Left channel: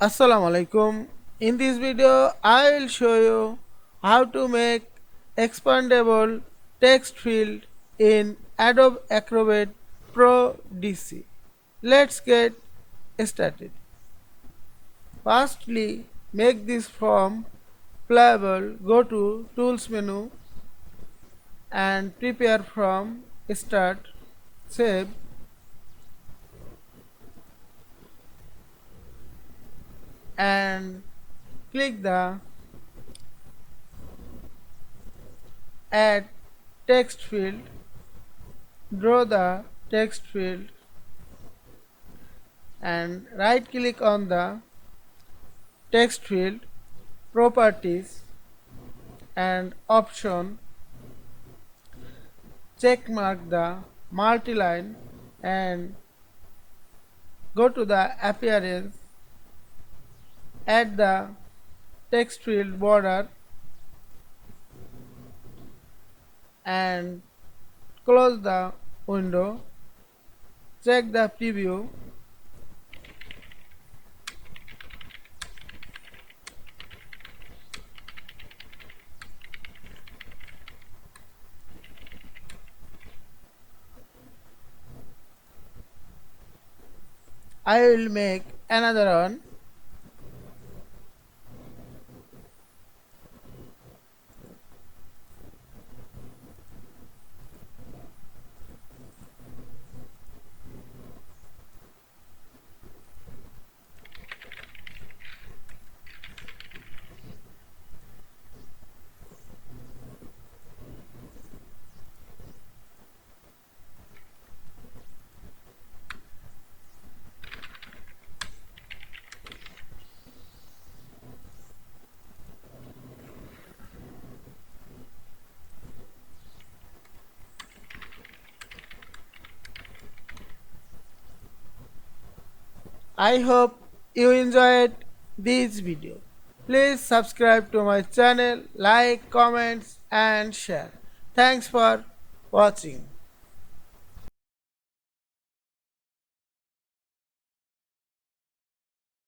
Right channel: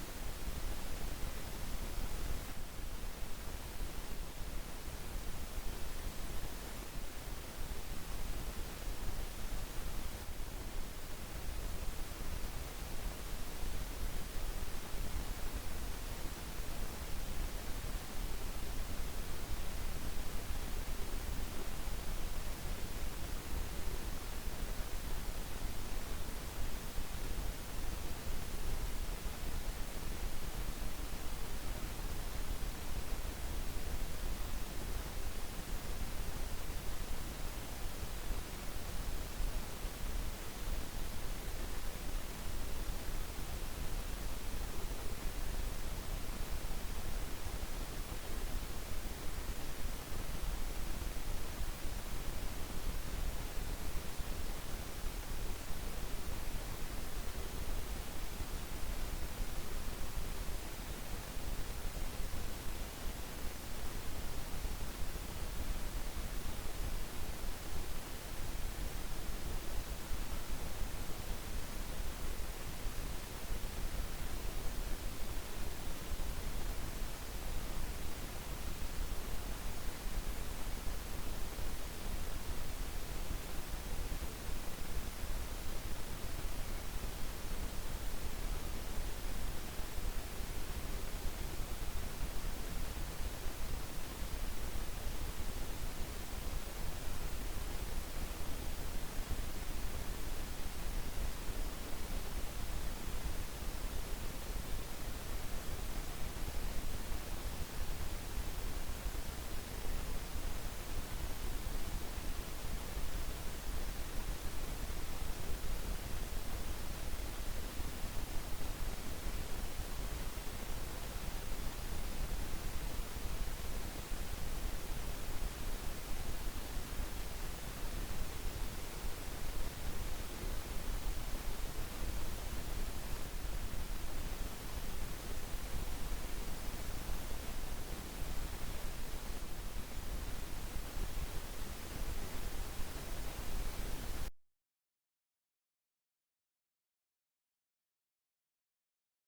Assalamu Walaikum. In this video, I will show you how to make expandable text field in Adobe Acrobat Pro DC. Let's get started. Firstly, make this form playable. Go to Tools menu and prepare from Start, Save, and click the Add Text field. Draw the text field and right click on the text field, properties and option, check mark the multi-line and go to the appearance, add the text field border and close the window, check the preview. I will make another one. I hope you enjoyed this video. Please subscribe to my channel, like, comments and share. Thanks for watching.